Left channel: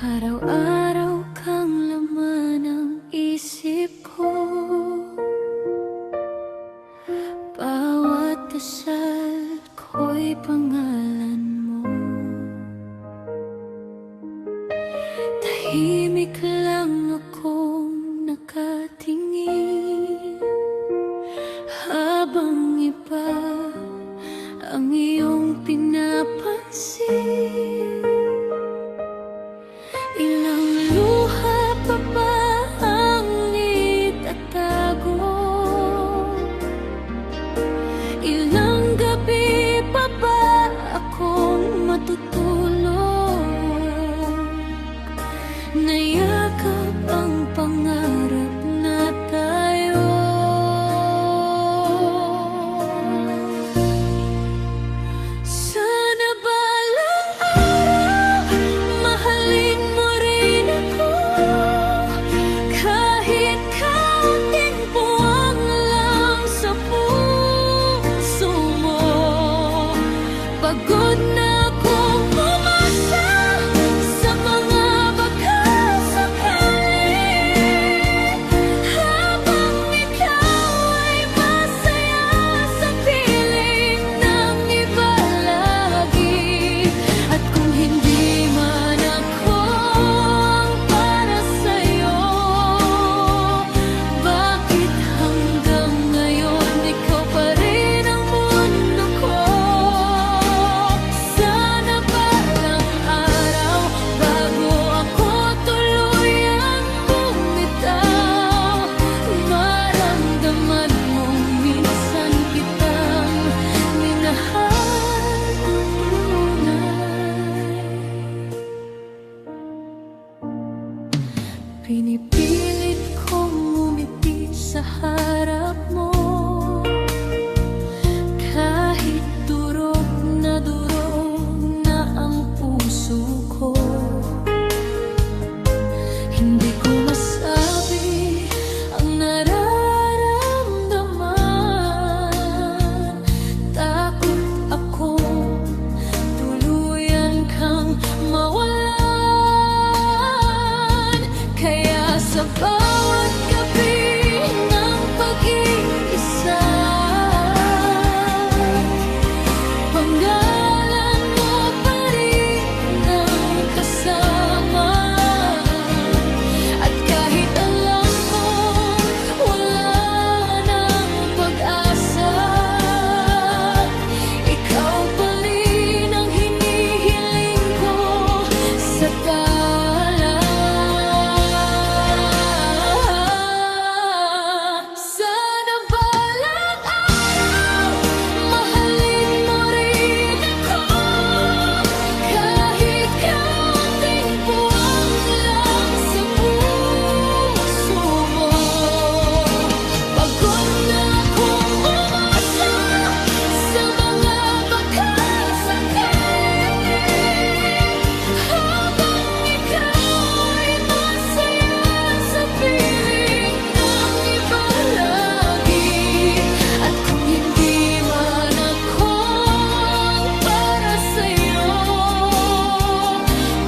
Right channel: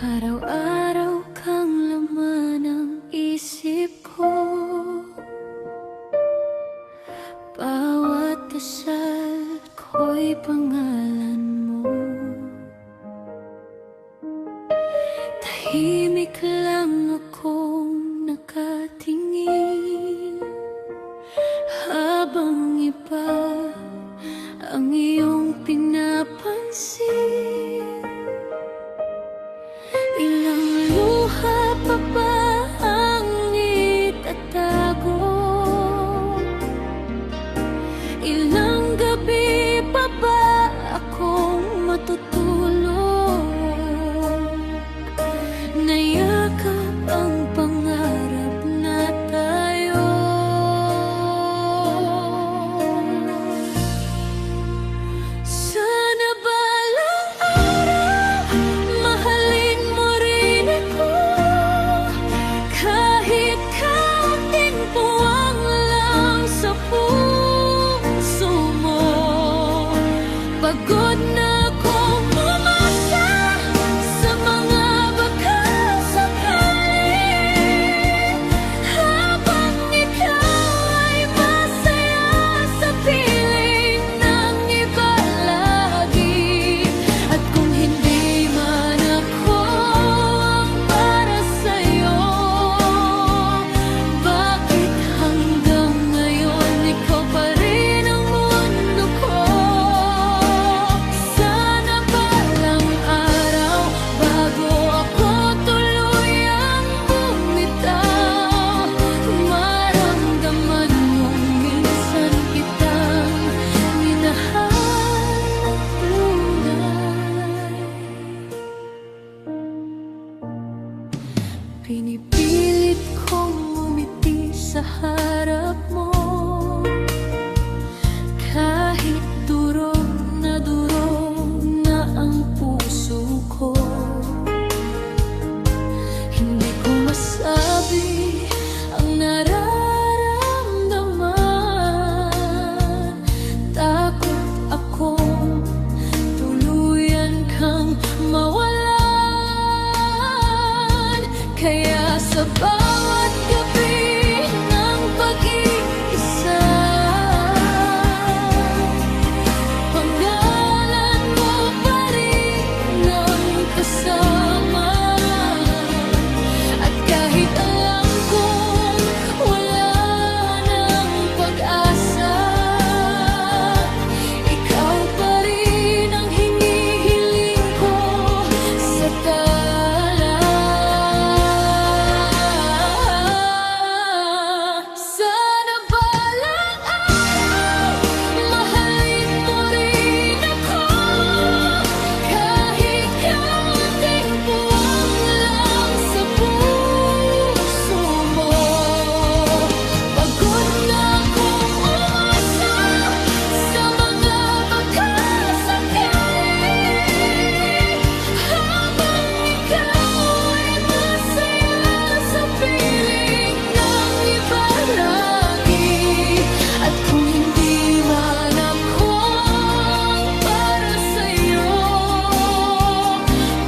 Araw-araw kang laman ng isip ko. Bawat dasal ko'y pangalan mo. Tahimik lang akong nakatingin habang iba ang iyong pinapansin. Ilang luha pa ba ang itatago? Ilang gabi pa ba akong matutulog? Nayakap ang pangarap na tayo. Sana balang araw mahalin mo rin ako, kahit kaunting puwang lang sa puso mo. Pagod na akong umasa sa mga baka sakali, habang ikaw ay masaya sa piling ng iba lagi. At kung hindi man ako ang para sa'yo, bakit hanggang ngayon ikaw pa rin ang mundo ko? Sana balang araw bago ako tuluyang bumitaw, maramdaman mong minsan kitang minahal ng tunay. Pinipilit kong umiti sa harap mo, kahit durog na ang puso ko. Hindi ko masabi ang nararamdaman. Takot akong tuluyan kang mawalan. Kaya sa bawat gabi ng pag-iisa, panggalan mo pa rin ang kasama. At kahit alam kong wala nang pag-asa, ikaw pa rin ang hinihiling ko sa tala. Sana balang araw mahalin mo rin ako, kahit kaunting puwang lang sa puso mo. Pagod na akong umasa sa mga baka sakali, habang ikaw ay masaya sa piling ng iba lagi. At kung hindi man ako ang para sa'yo,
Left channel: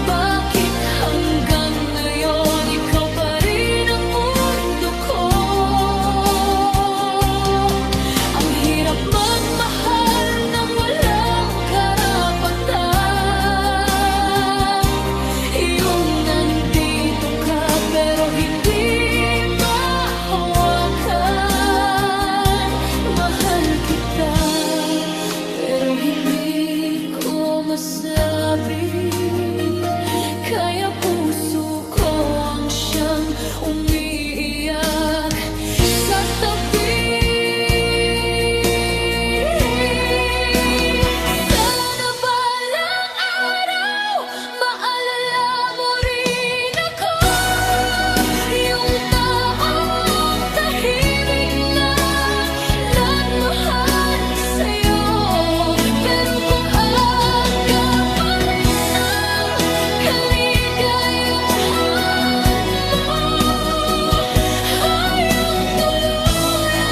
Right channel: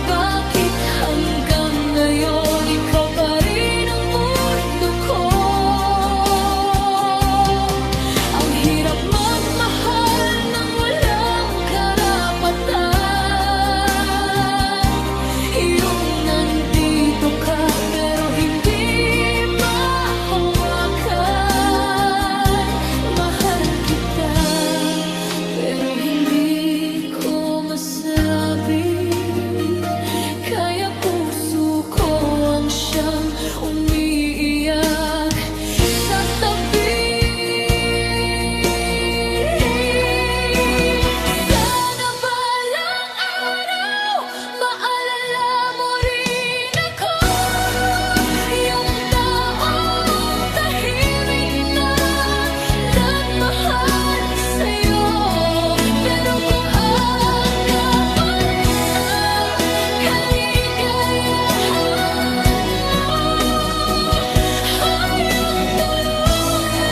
bakit hanggang ngayon ikaw pa rin ang mundo ko? Ang hirap magmahal ng walang karapatan. Iyong nandito ka pero hindi mahawakan. Mahal kita pero hindi ko masabi. Kaya puso ko ang siyang umiiyak sa tabi. Sana balang araw maalala mo rin ako, yung taong tahimik na nagmahal sa'yo. Pero kung ang kapalit ng kaligayahan mo ay ang tuluyan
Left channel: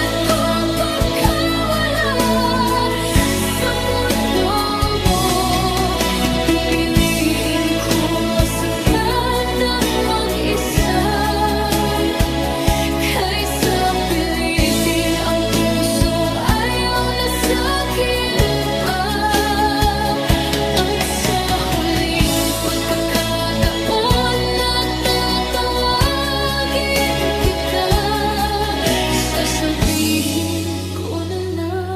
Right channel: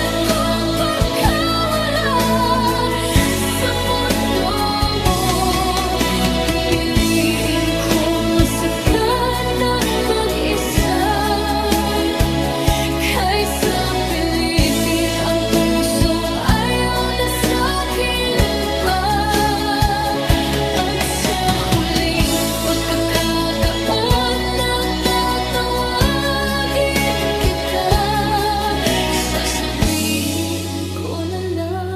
pagkakataon na tatawagin kita, sasabihin ko na lang